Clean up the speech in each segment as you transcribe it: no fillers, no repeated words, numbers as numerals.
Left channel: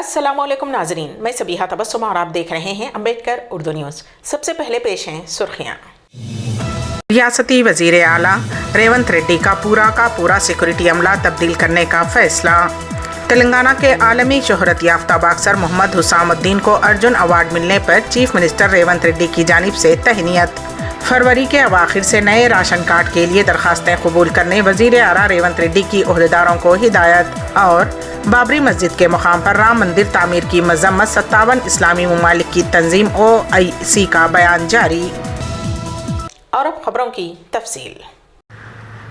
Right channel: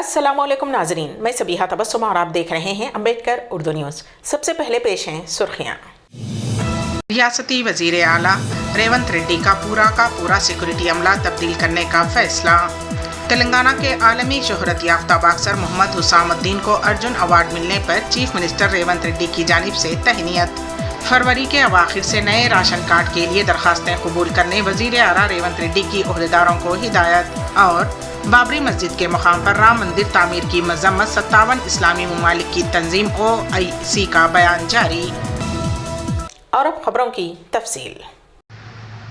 अस्सलाम वालेकुम नाजरीन, मैं सबीहा तबस्सुम और आप देख रहे हैं अम्बेडकर उर्दू न्यूज़। सबसे पहले पेश हैं सुर्खियाँ। रियासती वज़ीर आला रेवंत रेड्डी का पूरा सिक्योरिटी अमला तब्दील करने का फैसला। तेलंगाना के आलमी शोहरत याफ्ता बॉक्सर मोहम्मद हुसामुद्दीन को अर्जुन अवार्ड मिलने पर चीफ मिनिस्टर रेवंत रेड्डी की जानिब से तहनीयत। फरवरी के अवाखिर से नए राशन कार्ड के लिए दरखास्तें कबूल करने वज़ीर आला रेवंत रेड्डी की ओहदेदारों को हिदायत। और बाबरी मस्जिद के मुकाम पर राम मंदिर तामीर की मजम्मत 57 इस्लामी ममालिक की तंजीम OIC का बयान जारी। और अब खबरों की तफसील।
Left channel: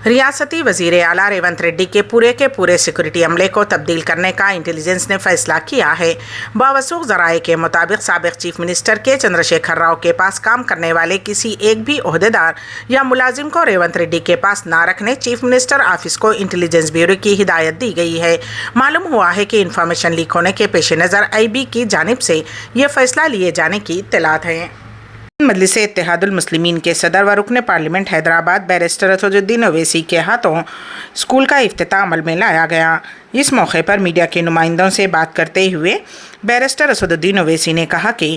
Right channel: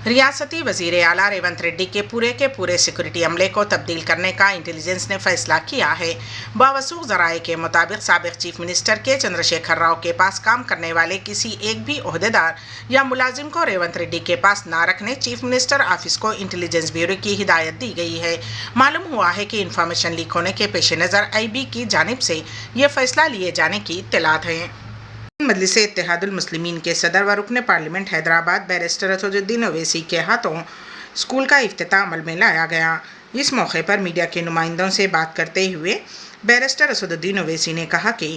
रियासती वज़ीर आला रेवंत रेड्डी के पूरे सिक्योरिटी अमले को तब्दील करने का इंटेलिजेंस ने फैसला किया है। बावसूख ज़राए के मुताबिक साबिक़ चीफ मिनिस्टर के चंद्रशेखर राव के पास काम करने वाले किसी एक भी ओहदेदार या मुलाजिम को रेवंत रेड्डी के पास ना रखने चीफ मिनिस्टर ऑफिस को इंटेलिजेंस ब्यूरो की हिदायत दी गई है। मालूम हुआ है कि इंफॉर्मेशन लीक होने के पेश नज़र IB की जानिब से ये फैसला लिए जाने की इत्तलात है। मजलिस इत्तेहादुल मुस्लिमीन के सदर व रुकन पार्लियामेंट हैदराबाद बैरिस्टर असदुद्दीन ओवैसी के हाथों स्कूल का इफ्तिताह अमल में लाया गया। इस मौके पर मीडिया के नुमाइंदों से बात करते हुए बैरिस्टर असदुद्दीन ओवैसी ने कहा कि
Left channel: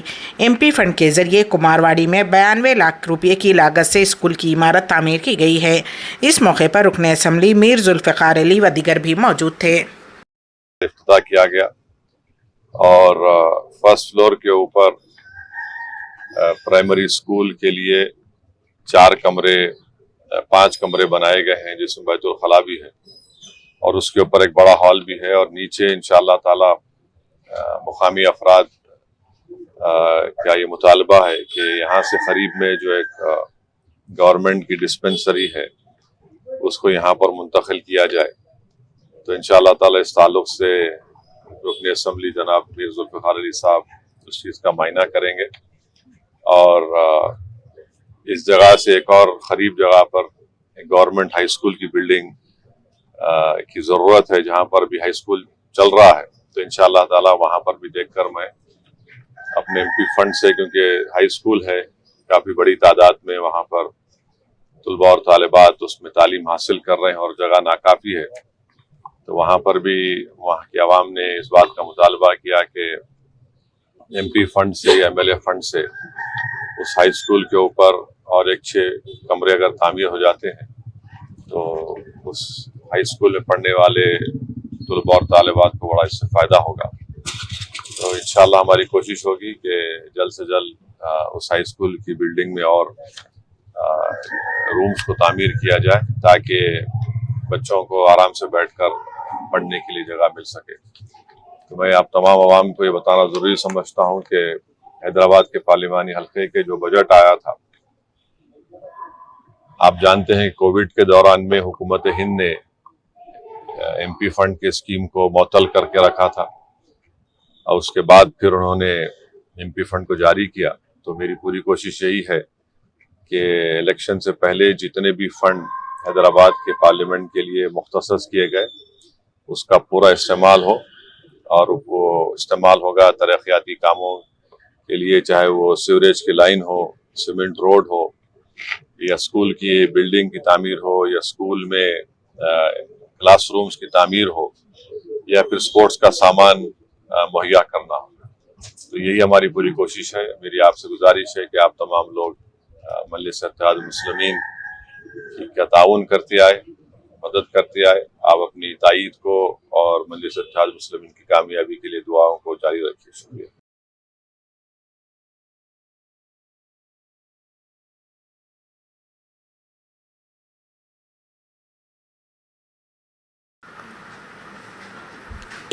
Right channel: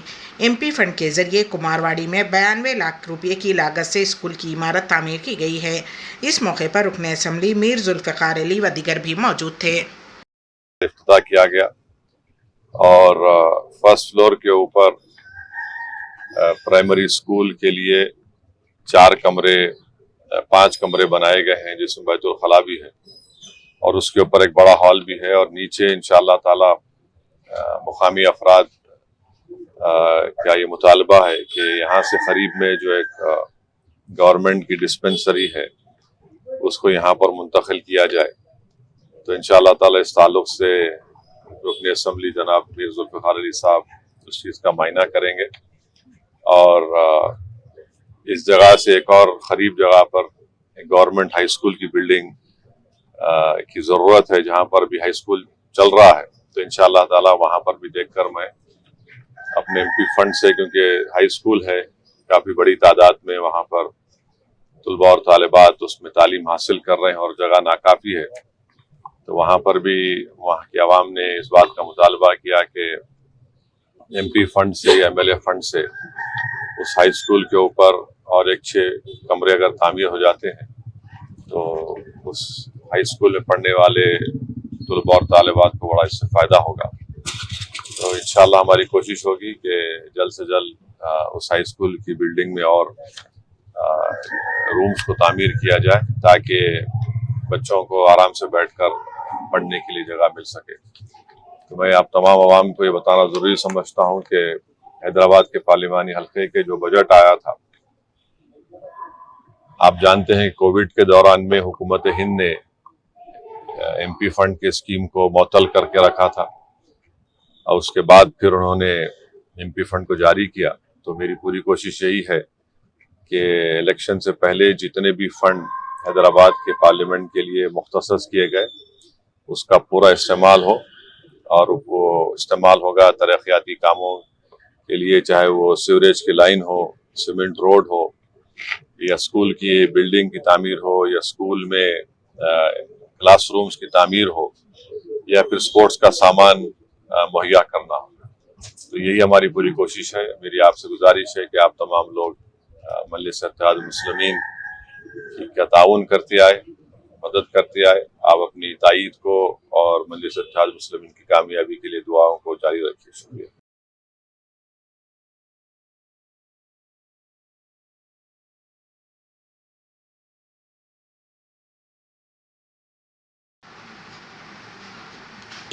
MP फंड के ज़रिए कुमारवाड़ी में 92 लाख रुपये की लागत से स्कूल की इमारत तामीर की गई है। इस मौके पर रुकन असम्बली मीर जुल्फ़िकार अली व दीगर भी मौजूद थे। इफ्तिताह किया गया और फर्स्ट फ्लोर के ऊपर प्राइमरी स्कूल के लिए 5 कमरे बनाए गए हैं, जिसमें बैतुल खला भी है और उसके ऊपर एक बड़ा हॉल भी है। और नीचे इंशाअल्लाह ताला मुकामी अफराद का ये मुतालबा है कि यहाँ से करीब में जो एक गवर्नमेंट की डिस्पेंसरी है उसको यहाँ पर मुंतकिल किया जाए। तो इंशाअल्लाह ताला इस ताल्लुक से रुकन असम्बली जनाब मीर जुल्फ़िकार अली साहब उस चीज़ का मायना करेंगे और इस जगह से एक और करीब जगह पर एक गवर्नमेंट हाई स्कूल की बिल्डिंग की ज़रूरत है, जहाँ पर भी हाई स्कूल चल रहा है। तो इंशाअल्लाह ताला वहाँ पर भी देखकर मैं अपने MP फंड से, क्योंकि हाई स्कूल है काफ़ी बड़ी तादाद में वहाँ पर तलबा और तालिबात उसमें तालीम हासिल कर रहे हैं और जगह नाकाफ़ी है, तो वहाँ पर भी वहाँ की आवाम ने इस बात का मुतालबा किया कि MP फंड से या MLA फंड से उस हाई स्कूल के ऊपर और एक 6 कमरे अगर तामीर हो जाते हैं तो उस हाई स्कूल में पढ़ने वाले तलबा और तालिबात को बड़ा इससे फ़ायदा होगा। तो इंशाअल्लाह हमारी कोशिश होगी कि जल्द से जल्द उस हाई स्कूल की बिल्डिंग में और रूम्स को तामीर किया जाए ताकि बच्चों को आराम से बैठकर पढ़ने के लिए जगह मिल सके। तो मैं आप तमाम आवाम को ये बताना ज़रूरी समझता हूँ कि हैदराबाद के पार्लिमानी हल्के के जो बजट आया था, आप जानते हैं कोविड के दौरान में हुकूमत हिंद ने MP फंड के स्कीम को मुअत्तल करके रखा था और उसके बाद फिर उन्होंने MP फंड को जारी किया। तो मेरी पूरी कोशिश यही है कि इलेक्शन से पहले जितने भी फंड हैदराबाद के पार्लियामेंट के लिए मुख्तसस किए गए उसका पूरा इस्तेमाल हो, और वो इस्तेमाल होगा तरक्याती कामों के लिए, चाहे वो सीवरेज की लाइन हो, सीमेंट रोड हो, या स्कूल की बिल्डिंग की तामीर हो, या स्कूल में क्लासरूम्स की तामीर हो, या फिर स्पोर्ट्स का सामान मुहैया करना हो। तो यही हमारी पूरी कोशिश है। मेरी आपसे गुजारिश है कि आप तमाम लोग मजलिस इत्तेहादुल मुस्लिमीन का ताउन करते आए, मदद करते आए। आप अपनी ताईद को और मजलिस इत्तेहादुल मुस्लिमीन की कामयाबी के लिए दुआओं को जारी रखिए। शुक्रिया।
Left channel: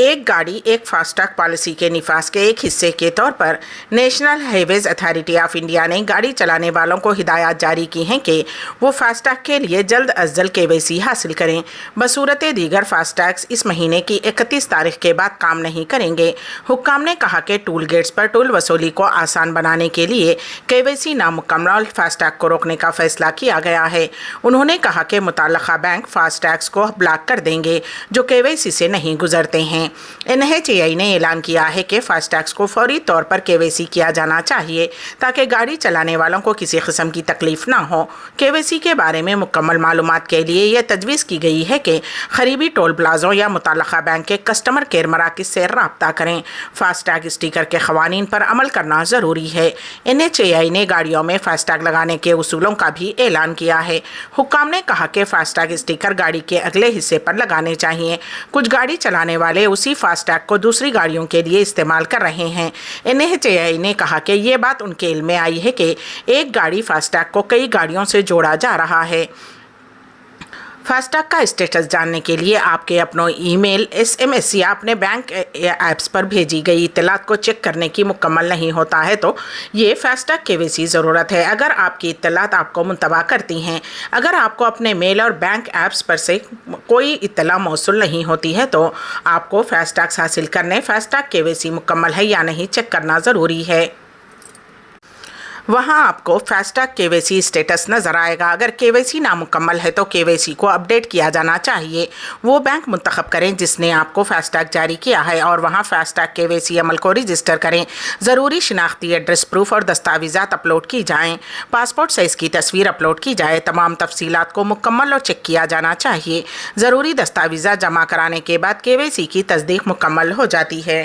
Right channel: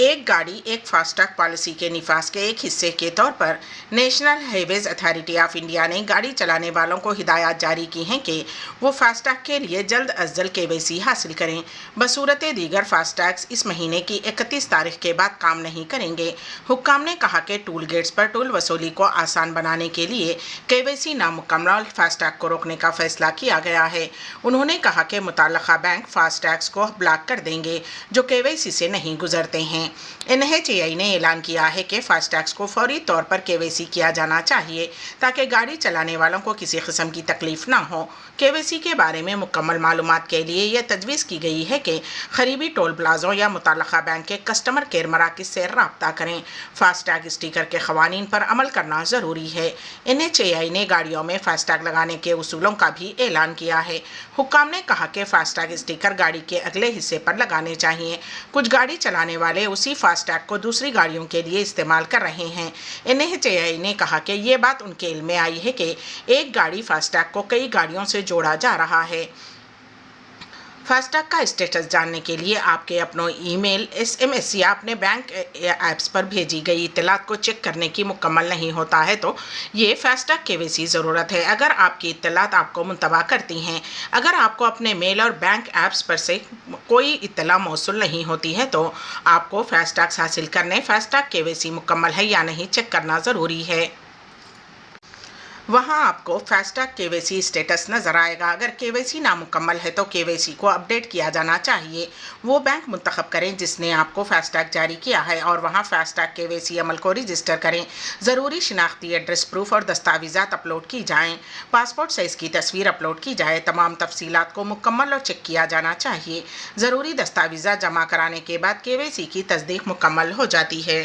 एक गाड़ी एक फास्टैग पॉलिसी के निफाज के एक हिस्से के तौर पर national highways authority of India ने गाड़ी चलाने वालों को हिदायत जारी की हैं कि वो फास्टैग के लिए जल्द अज जल्द KYC हासिल करें। बसूरत दीगर फास्टैग्स इस महीने की 31 तारीख के बाद काम नहीं करेंगे। हुक्काम ने कहा कि टूल गेट्स पर टोल वसूली को आसान बनाने के लिए KYC नामुकम्मल फास्टैग को रोकने का फैसला किया गया है। उन्होंने कहा कि मुतल्लका बैंक फास्टैग्स को ब्लॉक कर देंगे जो KYC से नहीं गुजरते हैं। NHAI ने ऐलान किया है कि फास्टैग्स को फौरी तौर पर KYC किया जाना चाहिए ताकि गाड़ी चलाने वालों को किसी किस्म की तकलीफ ना हो। KYC के बारे में मुकम्मल मालूमात के लिए यह तजवीज़ की गई है कि करीबी टोल प्लाज़ों या मुतल्लक़ा बैंक के कस्टमर केयर मराकज़ से रब्ता करें। फास्टैग स्टिकर के क़वानीन पर अमल करना ज़रूरी है। NHAI ने गाड़ियों में फास्टैग लगाने के उसूलों का भी ऐलान किया है। हुक्काम ने कहा कि फास्टैग स्टिकर गाड़ी के अगले हिस्से पर लगाने चाहिए। कुछ गाड़ी चलाने वाले उसी फास्टैग को दूसरी गाड़ियों के लिए इस्तेमाल कर रहे हैं। NHAI ने कहा कि ये बात उनके इल्म में आई है कि एक गाड़ी फास्टैग को कई गाड़ियों से जोड़ा जा रहा है। फास्टैग का स्टेटस जानने के लिए आपके अपनों ईमेल, SMS या अपने बैंक ऐप्स पर भेजी गई इत्तलात को चेक करने की मुकम्मल नहीं होता है तो ये फास्टैग KYC ज़रूरत है। अगर आपकी इत्तलात आपको मुंतबा करती हैं, अगर आपको अपने मेल और बैंक ऐप्स पर से कोई इत्तला मौसूल नहीं होती है तो आपको फास्टैग हासिल करने फास्टैग KYC मुकम्मल है या नहीं चेक करना ज़रूरी है। वहाँ आपको फास्टैग KYC स्टेटस नज़र आएगा। अगर KYC नामुकम्मल है तो KYC को अपडेट किया जाना चाहिए। वो बैंक मुंतखब करें जिसने आपको फास्टैग जारी किया है और वहाँ फास्टैग KYC अमल को रजिस्टर करें। ज़रूरी शिनाख्ती एड्रेस प्रूफ और दस्तावेज़ात अपलोड की जाएँ। पासपोर्ट साइज़ की तस्वीर अपलोड की जाए। तमाम तफसीलात को मुकम्मल और चेक किया जाना चाहिए। ज़रूरी दस्तावेज़ात जमा कराने के बाद KYC की तस्दीक मुकम्मल हो जाती है।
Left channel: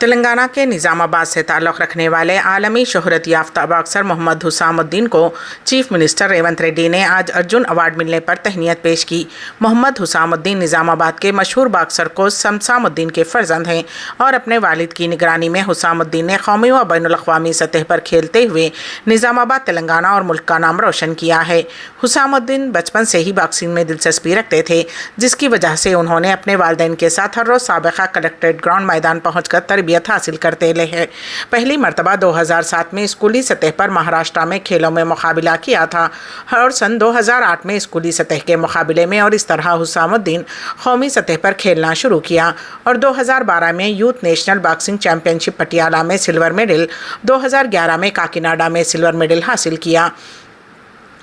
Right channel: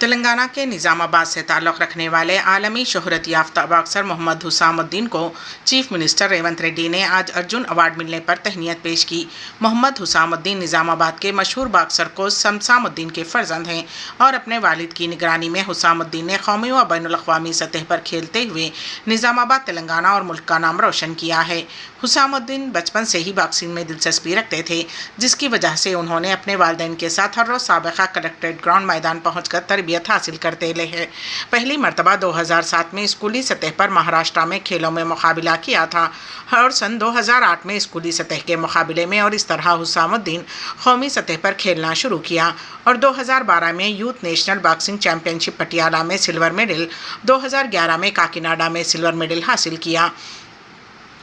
तेलंगाना के निज़ामाबाद से ताल्लुक़ रखने वाले आलमी शोहरत याफ्ता बॉक्सर मोहम्मद हुसामुद्दीन को चीफ मिनिस्टर रेवंत रेड्डी ने आज अर्जुन अवार्ड मिलने पर तहनीत पेश की। मोहम्मद हुसामुद्दीन निज़ामाबाद के मशहूर बॉक्सर को शमसामुद्दीन के फ़र्जंद हैं और अपने वालिद की निगरानी में हुसामुद्दीन ने कौमी व बैनुल-अक़वामी सतह पर खेलते हुए निज़ामाबाद, तेलंगाना और मुल्क का नाम रोशन किया है। हुसामुद्दीन बचपन से ही बॉक्सिंग में दिलचस्पी रखते थे, जिसकी वजह से उन्होंने अपने वालिदैन के साथ हर रोज़ साबिक़ा कलेक्ट्रेट ग्राउंड मैदान पहुँच कर तरबियत हासिल करते रहे हैं। पहली मरतबा 2007 में स्कूली सतह पर महाराष्ट्र में खेलों में मुकाबला किया था और सन 2008 में स्कूली सतह के मुकाबले में और इस तरह हुसामुद्दीन कौमी सतह पर खेलना शुरू किया और 2012 में youth national boxing championship Patiala में सिल्वर मेडल, 2011 में काकीनाडा में सिल्वर मेडल हासिल किया।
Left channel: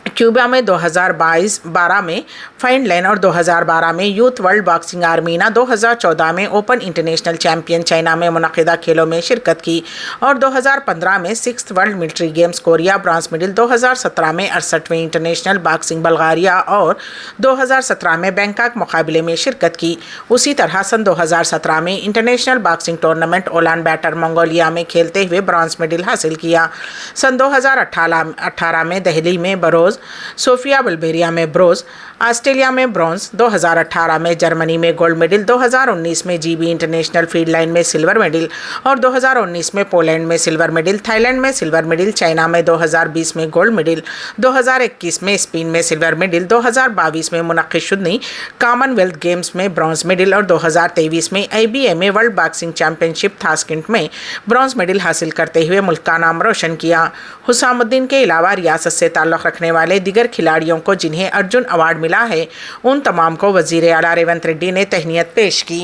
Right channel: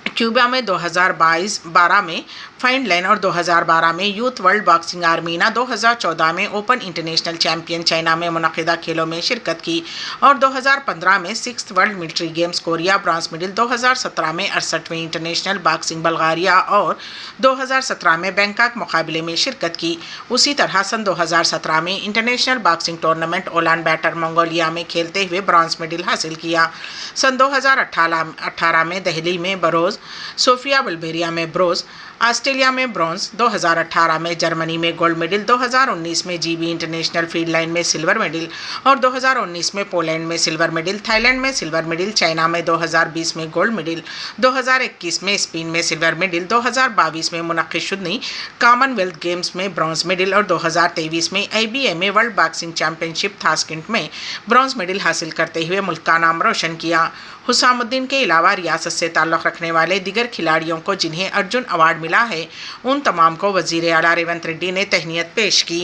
क्यूबा में 2012 में फाइनलैंड और 2012 में यूथ वर्ल्ड बॉक्सिंग आर्मीना, 2014 में ओपन इंटरनेशनल चैंपियन चाइना में मुनक़िदा खेलों में शिरकत की और 2015 में 6th world military games Korea bronze medal, 2017 में 68वें इंटरनेशनल बॉक्सिंग बल्गारिया और 2017 में बैंकॉक मुकाबले में शिरकत की। उसी तरह सन 2017 में international boxing tournament Ulaanbaatar Mongolia में खेलते हुए ब्रॉन्ज मेडल हासिल किया। सन 2018 में दिल्ली में ब्रोंज, सोफिया बुल्गेरिया में ब्रोंज, ऑस्ट्रेलिया में ब्रॉन्ज, 2018 में जर्मनी में गोल्ड मेडल, 2019 में GB इंटरनेशनल फील्ड लाइन में सिल्वर मेडल और 2019 में पोलैंड में सिल्वर मेडल, थाईलैंड में सिल्वर मेडल, चाइना में 2020 में गोल्ड मेडल, 2021 में स्पेन में सिल्वर मेडल, 2022 में मुनक़्क़िद शुदनी कॉमनवेल्थ गेम्स में ब्रॉन्ज मेडल और 2023 में IBMA world boxing championship Tashkent में ब्रॉन्ज मेडल हासिल करते हुए मुल्क का नाम रोशन किया। हुसामुद्दीन के अलावा रियासत से ताल्लुक़ रखने वाले दीगर खिलाड़ियों को जिन्हें अर्जुन अवार्ड मिला है, उन तमाम को वज़ीर आला रेवंत रेड्डी ने तहनीत पेश की।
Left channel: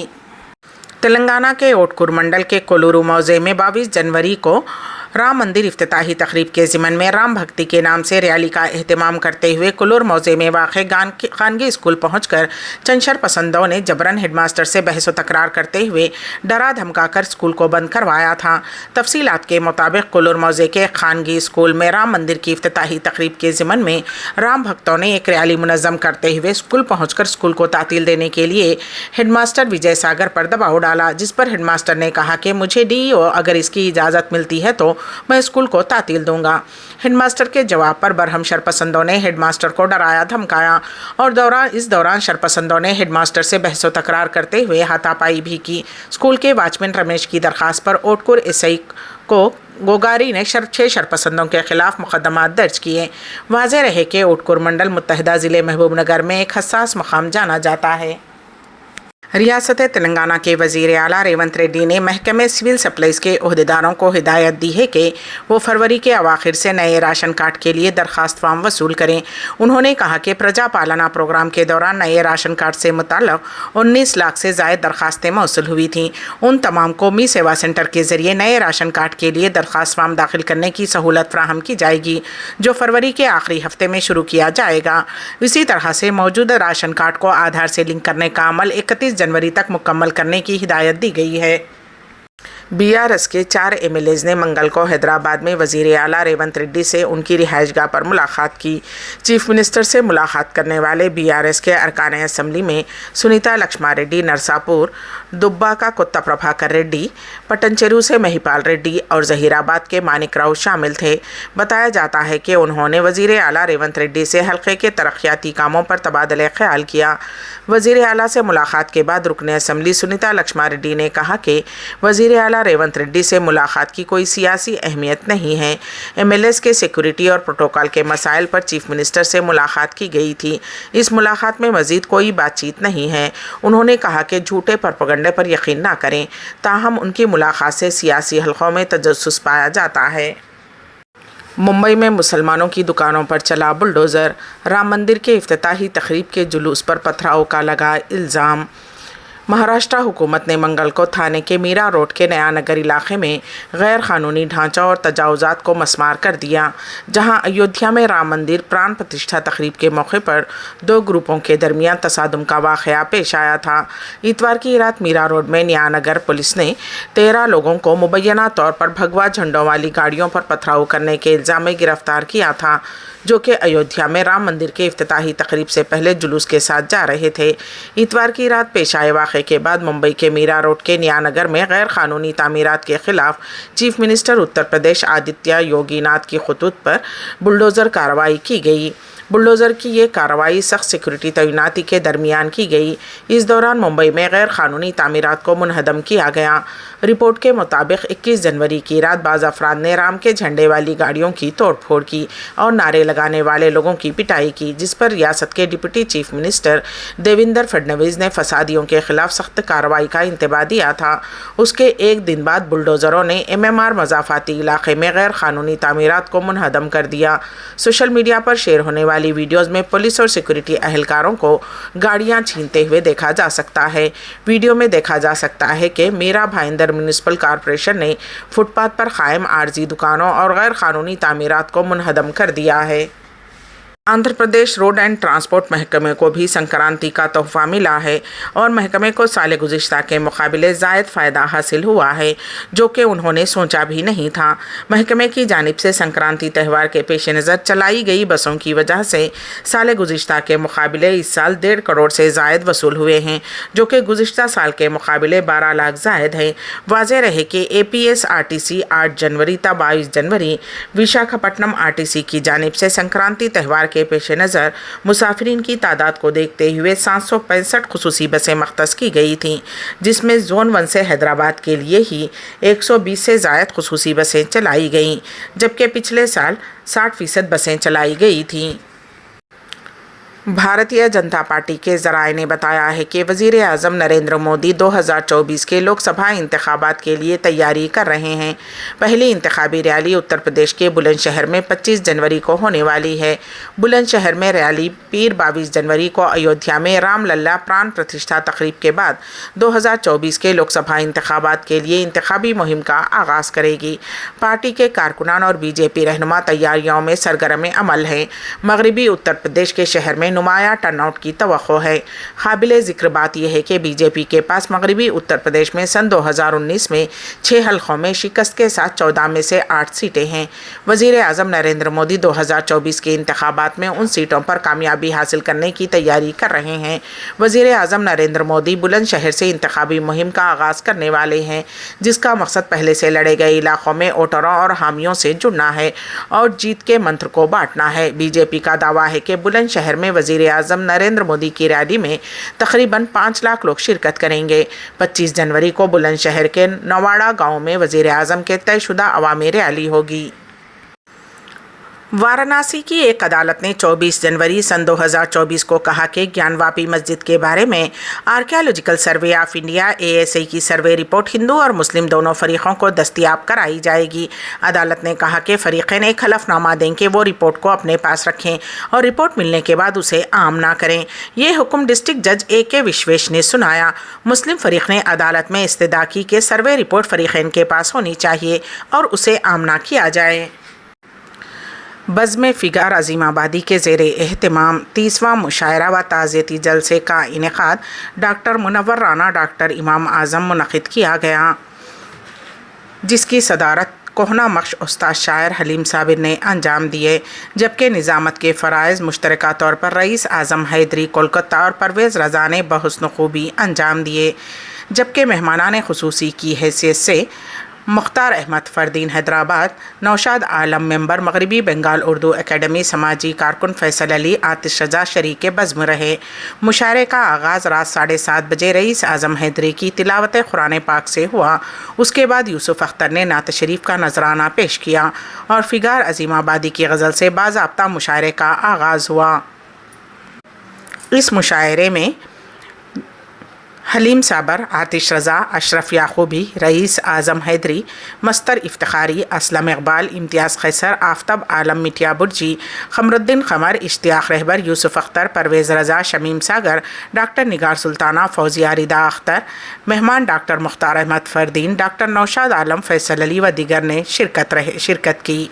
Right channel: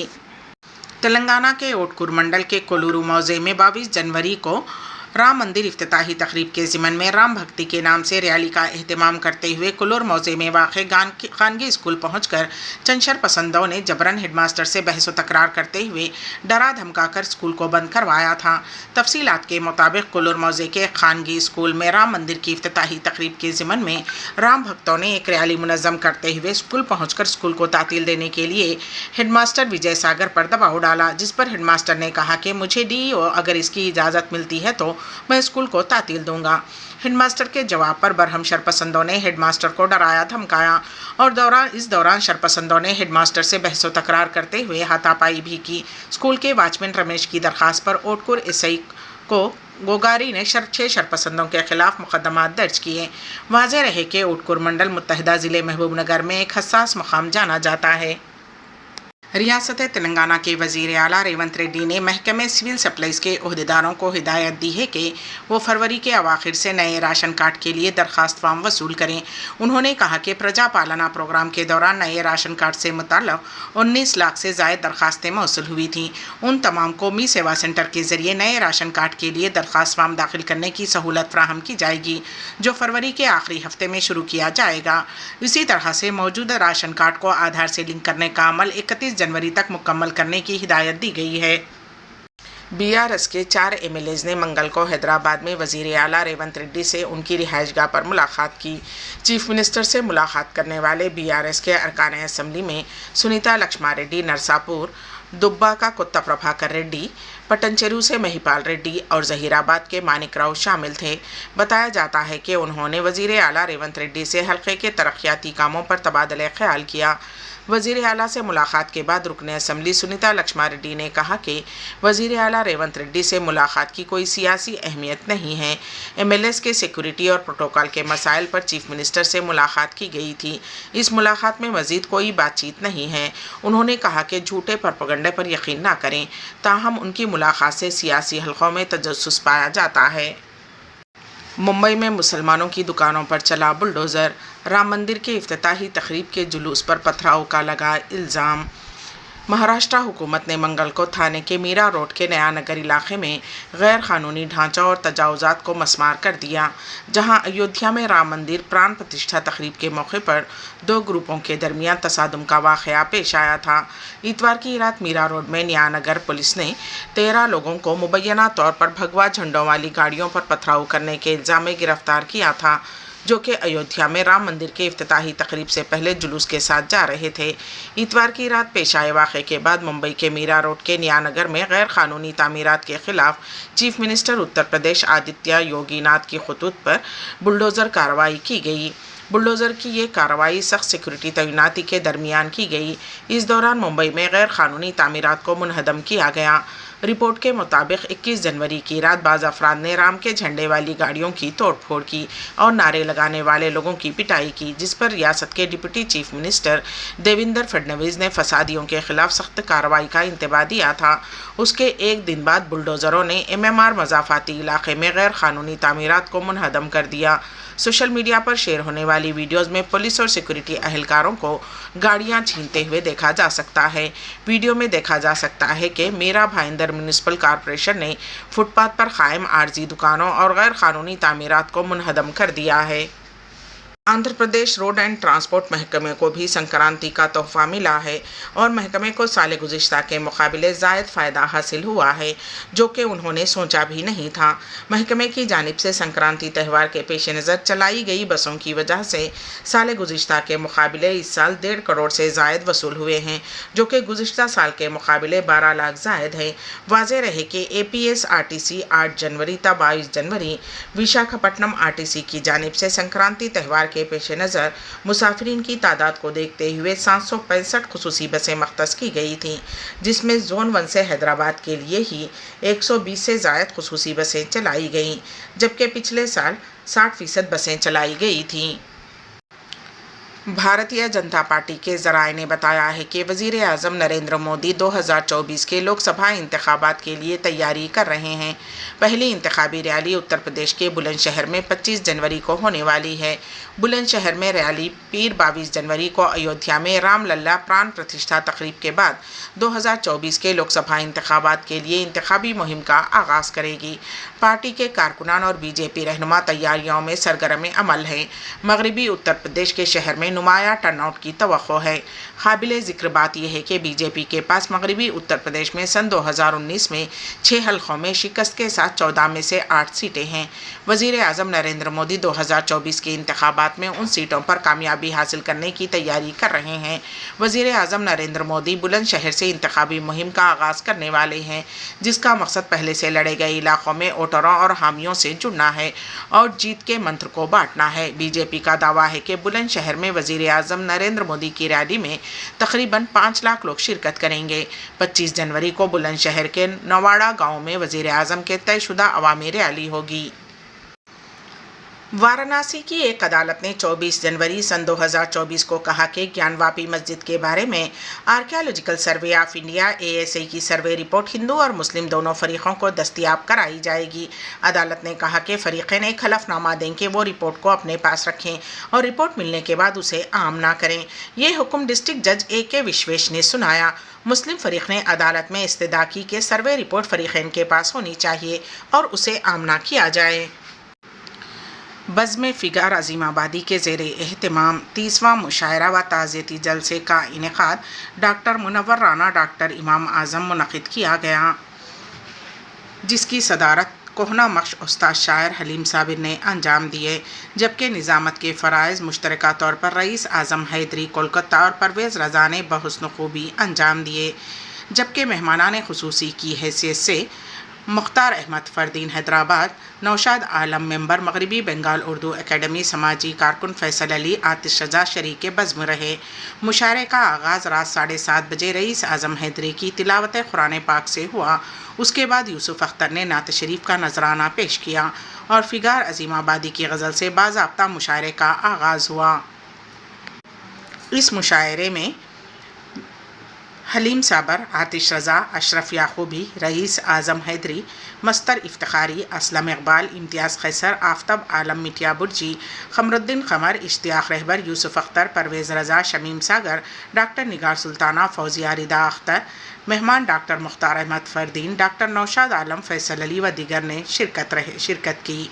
तेलंगाना के ओटकूर मंडल के कोलूरू मौज़े में 22 जनवरी को राम मंदिर इफ्तिताही तकरीब के ज़िमन में राम भक्ति के नाम से रैली का एहतमाम करते हुए कोलूर मौज़े में वाक़ खानगी स्कूल पहुंचकर चंद शरपसंदों ने जबरन हेडमास्टर से बहस व तकरार करते हुए डरा धमका कर स्कूल को बंद करवाया था। तफसीलात के मुताबिक कोलूर मौज़े के खानगी स्कूल में राम मंदिर की इफ्तिताही तकरीब के ज़िमन में राम भक्तों ने एक रैली मुनज़्ज़म करते हुए स्कूल पहुँचकर स्कूल को तातील देने के लिए हेडमास्टर विजय सागर पर दबाव डाला, जिस पर हेडमास्टर ने कहा कि मुझे DEO अगर इसकी इजाज़त मिलती है तो मैं स्कूल को तातील दूंगा। हेडमास्टर के जवाब पर बरहम शरपसंदों ने हेडमास्टर को डराया धमकाया और इस दौरान शरपसंदों ने हेडमास्टर से बहस व तकरार करते हुए हाथापाई भी की। स्कूल के वॉचमैन रमेश की दरख्वास्त पर ओटकूर SI को गोगारी ने 6 शरपसंदों के खिलाफ मुकदमा दर्ज किए। वाज़ेह रहे कि ओटकूर मंडल मुत्तहिदा ज़िले महबूबनगर में एक हसास मकाम जाना जाता है। रियासत तेलंगाना के वज़ीर आला रेवंत रेड्डी ने महकमे सिविल सप्लाईज़ के ओहदेदारों को हिदायत दी है कि वो फरवरी के अवाखिर से नए राशन कार्ड के लिए दरख्वास्त फार्म वसूल करें। उन्होंने कहा कि प्रजा पालना प्रोग्राम के दौरान नए राशन कार्ड से मुताल्लिक़ 19 लाख से ज़ायद दरख्वास्तें मौसूल हुई थीं। उन तमाम कौमी सेवा सेंटर के ज़रिए नए राशन कार्ड के लिए दरख्वास्त फार्म दाखिल करने की सहूलत फ़राहम की जाएगी, जो फरवरी के आखिरी हफ्ते में शुरू किया जाएगा। इसी तरह से मौजूदा राशन कार्ड को आधार से लिंक करने का अमल 31 जनवरी तक मुकम्मल करने की हिदायत दी गई है। बीआरएस के 4 एमएलएज ने मंगल को हैदराबाद में वज़ीर आला रेवंत रेड्डी से उनकी रिहाइशगाह पर मुलाकात की। चीफ मिनिस्टर से मुलाकात करने वाले बीआरएस के अरकान असम्बली में सुनीता लक्ष्मारेड्डी नरसापुर, दुब्बाका कोत्ता प्रभाकर रेड्डी, पटनचेरू से महिपाल रेड्डी और जहीराबाद के मानिक राव शामिल थे। बताया जाता है कि उन्होंने वज़ीर आला रेवंत रेड्डी से हल्के के तरक्याती कामों पर तबादला ख्याल किया। वज़ीर आला से मुलाकात के बाद रुकन असम्बली सुनीता लक्ष्मारेड्डी ने कहा कि वज़ीर आला रेवंत रेड्डी से मुलाकात की कोई सियासी अहमियत नहीं है। एमएलएस के सिक्योरिटी और प्रोटोकॉल के मसाइल पर चीफ मिनिस्टर से मुलाकात की गई थी। इस मुलाकात में मज़ीद कोई बातचीत नहीं है। उन्होंने कहा कि झूठे प्रोपेगेंडे पर यकीन ना करें, ताहम उनकी मुलाकात से सियासी हलकों में तजस्सुस पाया जाता है। मुंबई में मुसलमानों की दुकानों पर चला बुलडोज़र, राम मंदिर के इफ्तिताही तकरीब के जुलूस पर पथराव का लगा इल्ज़ाम। महाराष्ट्र हुकूमत ने मंगल को थाने के मीरा रोड के नया नगर इलाके में गैर कानूनी ढांचा और तजावुज़ात को मस्मार कर दिया, जहां अयोध्या में राम मंदिर प्राण प्रतिष्ठा तकरीब के मौके पर 2 ग्रुपों के दरमियान तसादुम का वाक़या पेश आया था। इतवार की रात मीरा रोड में नया नगर पुलिस ने 13 लोगों को मुबैना तौर पर भगवा झंडों वाली गाड़ियों पर पथराव करने के इल्ज़ाम में गिरफ्तार किया था, जो कि अयोध्या में राम मंदिर के इफ्तिताही तकरीब से पहले जुलूस के साथ जा रहे थे। इतवार की रात पेश आए वाक़े के बाद मुंबई के मीरा रोड के नया नगर में गैर कानूनी तामीरात के खिलाफ चीफ मिनिस्टर उत्तर प्रदेश आदित्य योगीनाथ की खतूत पर बुलडोज़र कार्रवाई की गई। बुलडोज़र की ये कार्रवाई सख्त सिक्योरिटी तैनाती के दरमियान की गई। इस दौरान मुंबई में गैर कानूनी तामीरात को मुनहदम किया गया। रिपोर्ट के मुताबिक 21 जनवरी की रात बाज़ अफराद ने राम के झंडे वाली गाड़ियों की तोड़फोड़ की और नारे लगाने वाले लोगों की पिटाई की, जिस पर रियासत के deputy chief minister Devendra Fadnavis ने फसादियों के खिलाफ सख्त कार्रवाई का इंतबाह दिया था। उसके एक दिन बाद बुलडोज़रों ने एमएमआर मज़ाफ़ाती इलाके में गैर कानूनी तामीरात को मुनहदम कर दिया। सोशल मीडिया पर शेयर होने वाली वीडियोज़ में पुलिस और सिक्योरिटी अहलकारों को गाड़ियां छीनते हुए देखा जा सकता है। वीडियो में देखा जा सकता है कि मेरा भाईंदर म्यूनिसिपल कॉरपोरेशन ने फुटपाथ पर कायम आर्जी दुकानों और गैर कानूनी तामीरात को मुनहदम कर दिया है। Andhra Pradesh road and transport महकमे को भी संक्रांति का तोहफा मिला है और महकमे को साल गुज़िश्ता के मुकाबले ज़ायद फ़ायदा हासिल हुआ है, जो कि उन्होंने सोचा भी नहीं था। महकमे की जानिब से संक्रांति त्यौहार के पेश नज़र चलाई गई बसों की वजह से साल गुज़िश्ता के मुकाबले इस साल 1.5 करोड़ से ज़ायद वसूल हुए हैं, जो कि गुज़िश्ता साल के मुकाबले 12 लाख ज़ायद है। वाज़ेह रहे कि APSRTC 8 जनवरी ता 22 जनवरी विशाखापट्टनम RTC की जानिब से संक्रांति त्यौहार के पेश नज़र मुसाफिरीन की तादाद को देखते हुए 765 खुसूसी बसें मख्तस की गई थीं, जिसमें जोन 1 से हैदराबाद के लिए ही 120 से ज़ायद खुसूसी बसें चलाई गईं, जबकि पिछले साल 60% बसें चलाई गई थीं। भारतीय जनता पार्टी के ज़राए ने बताया है कि वज़ीर आज़म नरेंद्र मोदी 2024 के लोकसभा इंतखाबात के लिए तैयारी कर रहे हैं। पहली इंतखाबी रैली उत्तर प्रदेश के बुलंदशहर में 25 जनवरी को होने वाली है। बुलंदशहर में रैली पीर 22 जनवरी को अयोध्या में राम लल्ला प्राण प्रतिष्ठा तकरीब के बाद 2024 के लोकसभा इंतखाबात के लिए इंतखाबी मुहिम का आगाज़ करेगी। पार्टी के कारकुनान और बीजेपी रहनुमा तैयारियों में सरगर्म अमल हैं। मगरबी उत्तर प्रदेश के शहर में नुमाया टर्नआउट की तवक्को है। काबिल ज़िक्र बात यह है कि बीजेपी के पास मगरबी उत्तर प्रदेश में सन 2019 में 6 हलकों में शिकस्त के साथ 14 में से 8 सीटें हैं। वज़ीर आज़म नरेंद्र मोदी 2024 के इंतखाबात में उन सीटों पर कामयाबी हासिल करने की तैयारी कर रहे हैं। वज़ीर आज़म नरेंद्र मोदी बुलंदशहर से इंतखाबी मुहिम का आगाज़ करने वाले हैं, जिसका मकसद पहले से लड़े गए इलाकों में वोटरों और हामियों से जुड़ना है और जीत के मंत्र को बांटना है। बीजेपी का दावा है कि बुलंदशहर में वज़ीर आज़म नरेंद्र मोदी की रैली में तकरीबन 5 लाख लोग शिरकत करेंगे। 25 जनवरी को बुलंदशहर के नवाड़ा गांव में वज़ीर आज़म के तयशुदा अवामी रैली होगी। वाराणसी की एक अदालत ने 24 जनवरी सन 2024 को कहा कि ज्ञानवापी मस्जिद के बारे में archaeological survey of India ASI की सर्वे रिपोर्ट हिंदू और मुस्लिम दोनों फरीकों को दस्तयाब कराई जाएगी। अदालत ने कहा कि फरीक़ैन एक हलफनामा दें कि वो रिपोर्ट को अपने पास रखें और रिपोर्ट मिलने के बाद उसे आम ना करें। ये हुक्म डिस्ट्रिक्ट जज AK विश्वेश ने सुनाया। मुस्लिम फरीक ने अदालत में इस्तदा की कि सर्वे रिपोर्ट फरीक़ैन के पास होनी चाहिए और उसे आम ना किया जाए। बज़्म फ़िगार अज़ीम आबादी के ज़ेर एहतमाम 30वां मुशायरा व ताज़ियती जलसे का इनेकाद डॉक्टर मुनव्वर राना डॉक्टर इमाम आज़म मुनक़िद किया गया, जिसकी सदारत कोहना मख्श उस्ताद शायर हलीम साबिर ने अंजाम दिए, जबकि निज़ामत के फ़राइज़ मुश्तरका तौर पर रईस आज़म हैदरी कोलकाता और परवेज़ रज़ा ने बहुस्न खूबी अंजाम दिए, जबकि मेहमानान ख़ुसूसी की हैसियत से मुख्तार अहमद फ़रदीन हैदराबाद, नौशाद आलम मेंबर मगरबी बंगाल उर्दू एकेडमी, समाजी कारकुन फैसल अली, आतिश रज़ा शरीक बज़्म रहे। मुशायरे का आगाज़ रात 7:30 बजे रईस आज़म हैदरी की तिलावत कुरान पाक से हुआ। उसके बाद यूसुफ अख्तर ने नात शरीफ का नजराना पेश किया और फ़िगार अज़ीम आबादी की गज़ल से बाज़ाब्ता मुशायरे का आगाज़ हुआ। इस मुशायरे में हलीम साबर, आतिश रज़ा, अशरफ याक़ूबी, रईस आज़म हैदरी, मस्तर इफ्तिखारी, असलम इकबाल, इम्तियाज़ कैसर, आफ्ताब आलम मिटिया बुर्जी, क़मरुद्दीन क़मर, इश्तियाक़ रहबर, यूसुफ अख्तर, परवेज़ रज़ा, शमीम सागर, डॉक्टर निगार सुल्ताना, फौजिया रिदा अख्तर, मेहमान डॉक्टर मुख्तार अहमद फ़रदीन, डॉक्टर नौशाद आलम, फैसल अली व दीगर ने शिरकत की।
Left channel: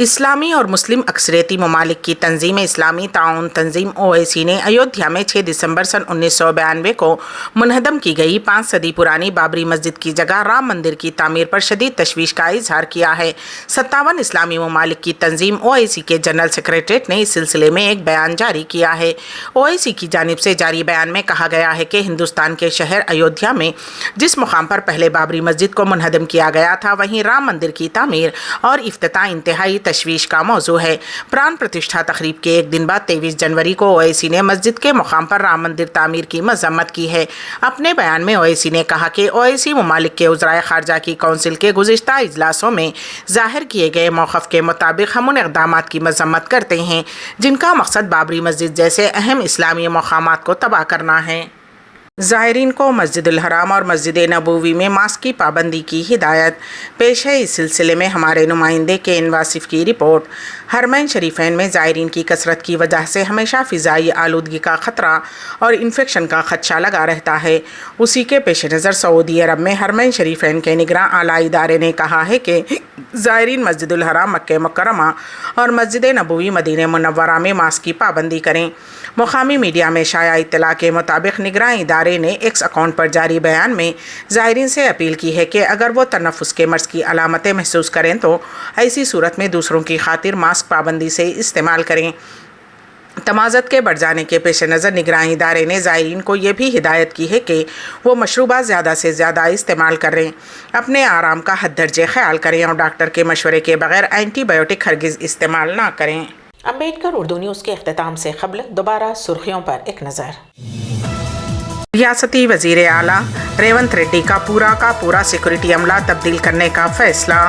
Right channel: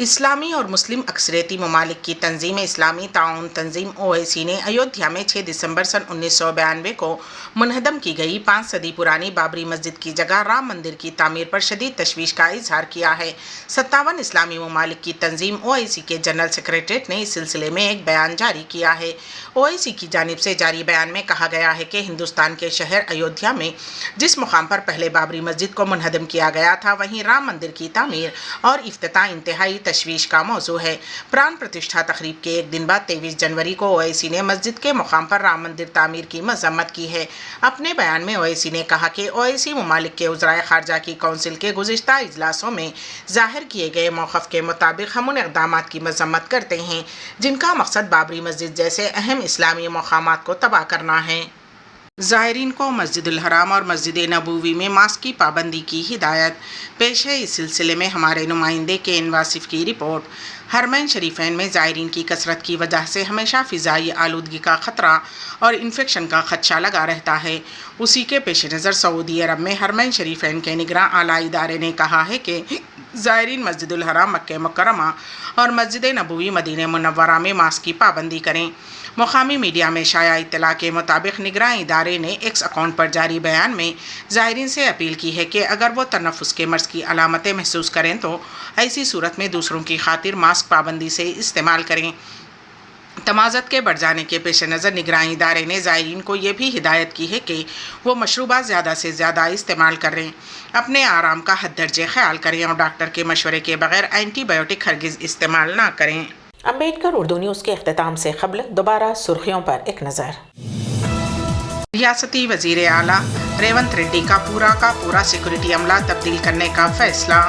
इस्लामी और मुस्लिम अक्सरियती ममालिक की तंजीम इस्लामी ताउन तंजीम OIC ने अयोध्या में 6 दिसंबर सन 1992 को मुनहदम की गई 5 सदी पुरानी बाबरी मस्जिद की जगह राम मंदिर की तामीर पर शदीद तशवीश का इजहार किया है। 57 इस्लामी ममालिक की तंजीम OIC के जनरल सेक्रेटरीट ने इस सिलसिले में एक बयान जारी किया है। OIC की जानिब से जारी बयान में कहा गया है कि हिंदुस्तान के शहर अयोध्या में जिस मुकाम पर पहले बाबरी मस्जिद को मुनहदम किया गया था, वहीं राम मंदिर की तामीर और इफ्तिताह इंतहाई तशवीश का मौजू है। प्राण प्रतिष्ठा तकरीब के एक दिन बाद 23 जनवरी को OIC ने मस्जिद के मुकाम पर राम मंदिर तामीर की मजम्मत की है। अपने बयान में OIC ने कहा कि OIC ममालिक के उज़राए ख़ारजा की कौंसिल के गुज़िश्ता इजलासों में ज़ाहिर किए गए मौक़िफ़ के मुताबिक हम उन इक़दामात की मजम्मत करते हैं जिनका मकसद बाबरी मस्जिद जैसे अहम इस्लामी मक़ामात को तबाह करना है। ज़ायरीन को मस्जिदुल हराम और मस्जिद नबूवी में मास्क की पाबंदी की हिदायत पेश है। इस सिलसिले में हमारे नुमाइंदे के इन वासिफ़ की रिपोर्ट। हरमैन शरीफैन में ज़ायरीन की कसरत की वजह से हमेशा फ़िज़ाई आलूदगी का ख़तरा और इन्फेक्शन का खदशा लगा रहता है। उसी के पेश नज़र सऊदी अरब में हरमैन शरीफैन के निगरां आला इदारे ने कहा है कि ज़ायरीन मस्जिदुल हराम मक्का मुकर्रमा और मस्जिद नबवी मदीना मुनव्वरा में मास्क की पाबंदी करें। मुकामी मीडिया में शाया इत्तला के मुताबिक निगरान इदारे ने एक्स अकाउंट पर जारी बयान में ज़ायरीन से अपील की है कि अगर वो तनफ़ुस के मर्ज़ की अलामतें महसूस करें तो ऐसी सूरत में दूसरों की खातिर मास्क पाबंदी से इस्तेमाल करें। तमाज़त के बढ़ जाने के पेश नज़र निगरान इदारे ने ज़ायरीन को ये भी हिदायत की है कि वो मशरूबात ज़्यादा से ज़्यादा इस्तेमाल करें, अपने आराम का हद दर्जे ख्याल करें और डॉक्टर के मशवरे के बगैर एंटीबायोटिक हरगिज़ इस्तेमाल ना करें। अम्बेडकर उर्दू न्यूज़ के अख्तिताम से क़ब्ल दोबारा सुर्खियों पर एक नज़र। रियासती वज़ीर आला रेवंत रेड्डी का पूरा सिक्योरिटी अमला तब्दील करने का फैसला।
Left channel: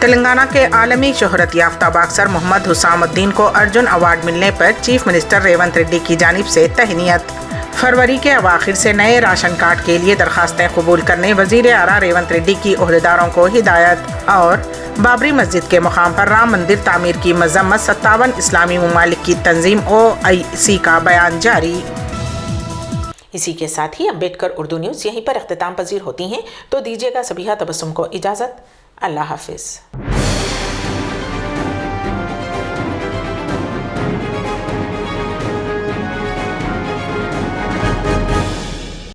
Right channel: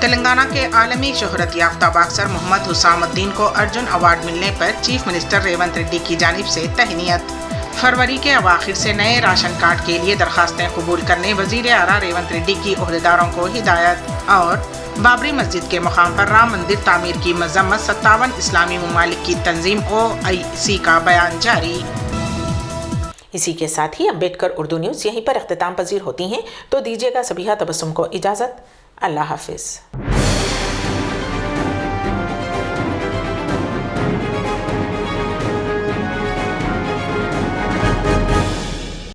तेलंगाना के आलमी शोहरत याफ्ता बॉक्सर मोहम्मद हुसामुद्दीन को अर्जुन अवार्ड मिलने पर चीफ मिनिस्टर रेवंत रेड्डी की जानिब से तहनीयत। फरवरी के अवाखिर से नए राशन कार्ड के लिए दरखास्तें कबूल करने वज़ीर आला रेवंत रेड्डी की ओहदेदारों को हिदायत। और बाबरी मस्जिद के मुकाम पर राम मंदिर तामीर की मजम्मत 57 इस्लामी ममालिक की तंजीम OIC का बयान जारी। इसी के साथ ही अम्बेडकर उर्दू न्यूज़ यहीं पर अख्तिताम पजीर होती हैं, तो दीजिएगा सबीहा तबस्सुम को इजाज़त। अल्लाह हाफिज़।